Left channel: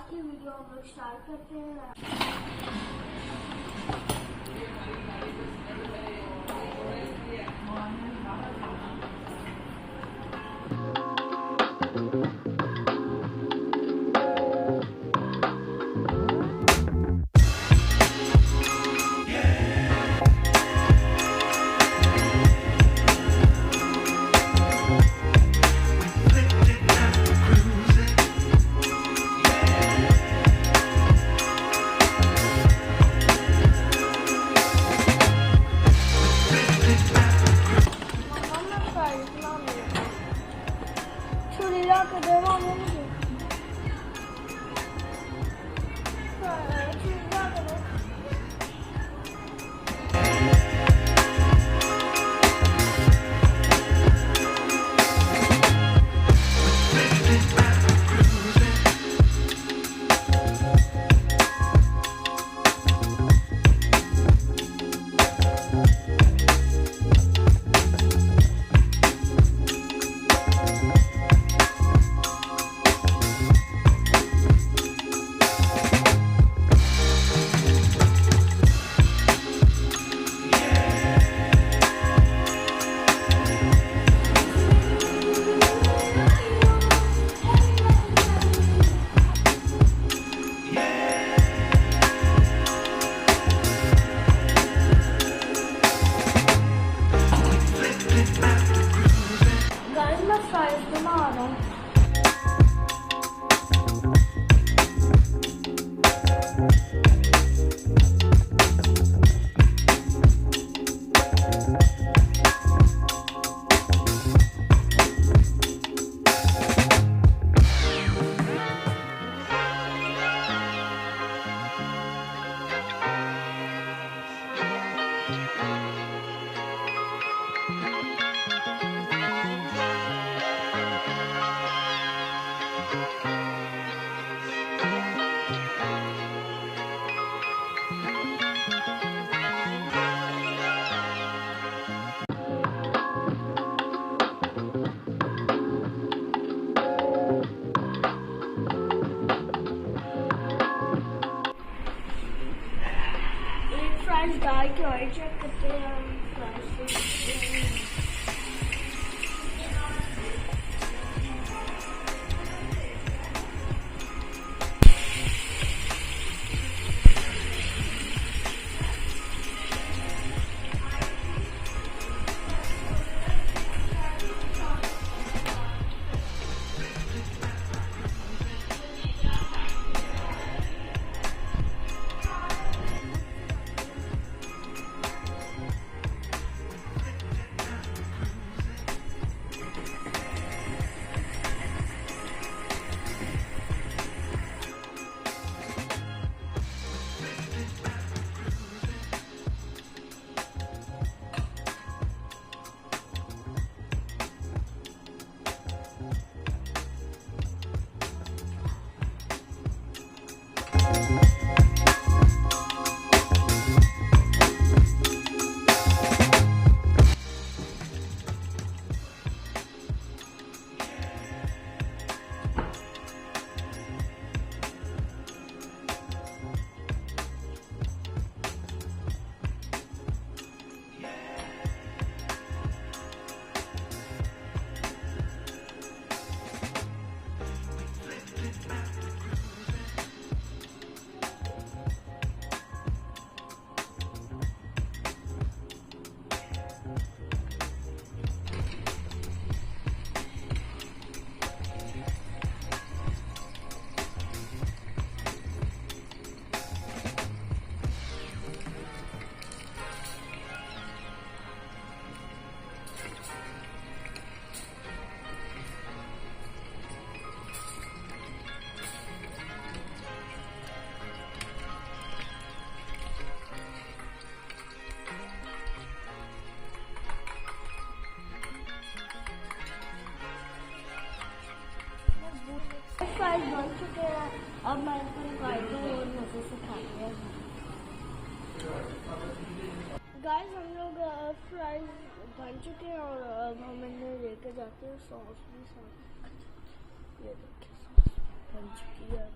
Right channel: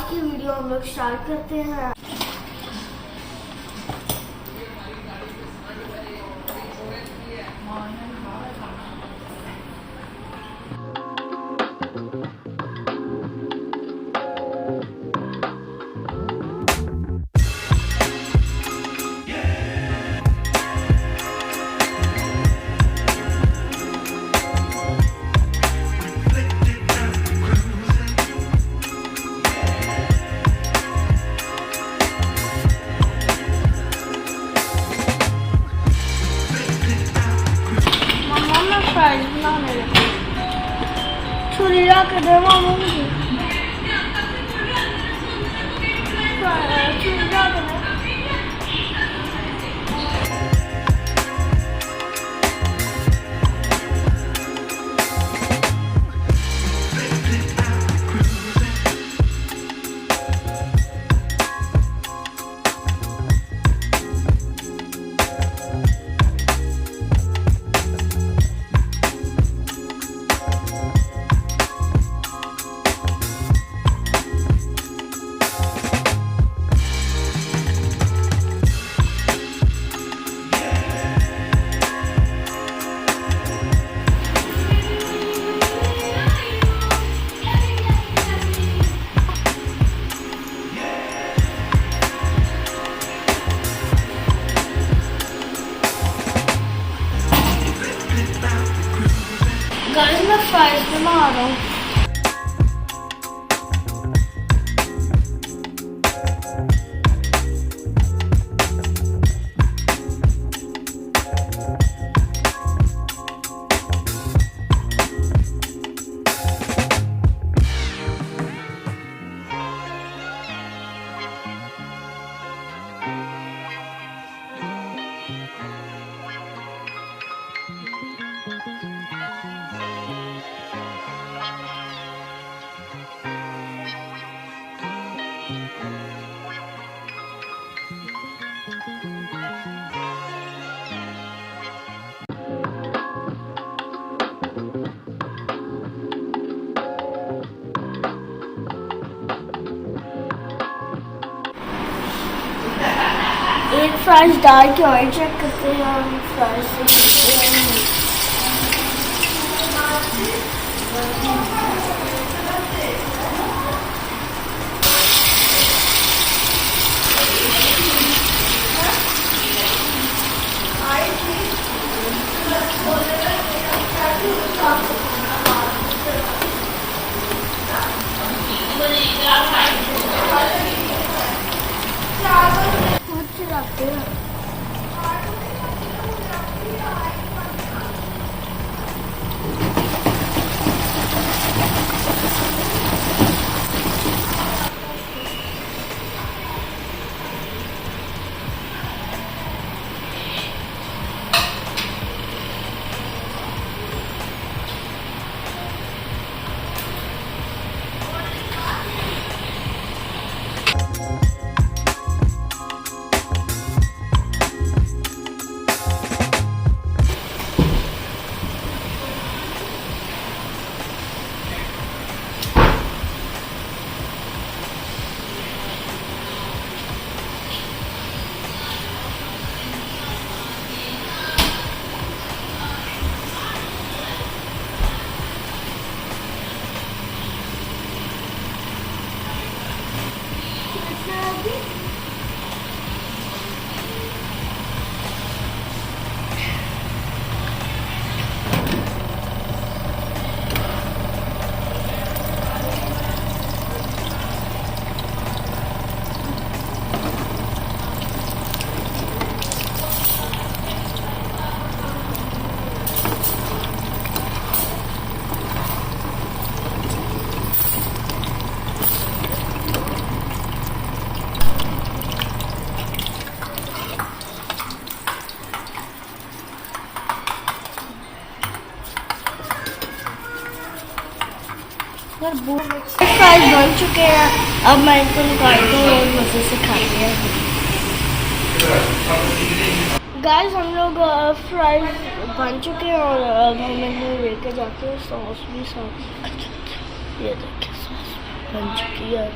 आज की वीडियो हम लोग स्टार्ट करते हैं। छुरी के दे मामू मुझे छुरी ला के दे। गाइस मैं फ्राइज बना रहा हूँ। एक फ्राइज डाल के ऑयल चेक करते हैं और एक फ्राइज से करते हैं। यार फ्राइज बन चुके हैं। अब मैं इनको निकालती हूँ और मज़े से खाते हैं। गाइस हम लोग फ्राइज बन चुके हैं और अब हम इन्हें लेके जाके सॉस भी साथ ये देखिए सॉस बन चुकी है।